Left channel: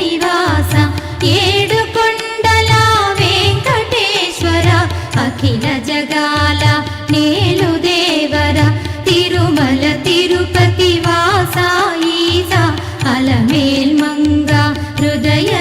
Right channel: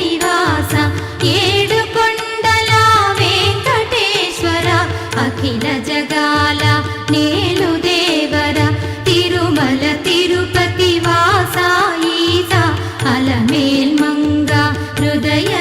నివాస ఏడుకొండల వెంకటేశ్వర అఖిల జగాల నేలు దేవర తిరుమల తిరుపతి వాస ఈస అలమేల్ మంగ హృదయ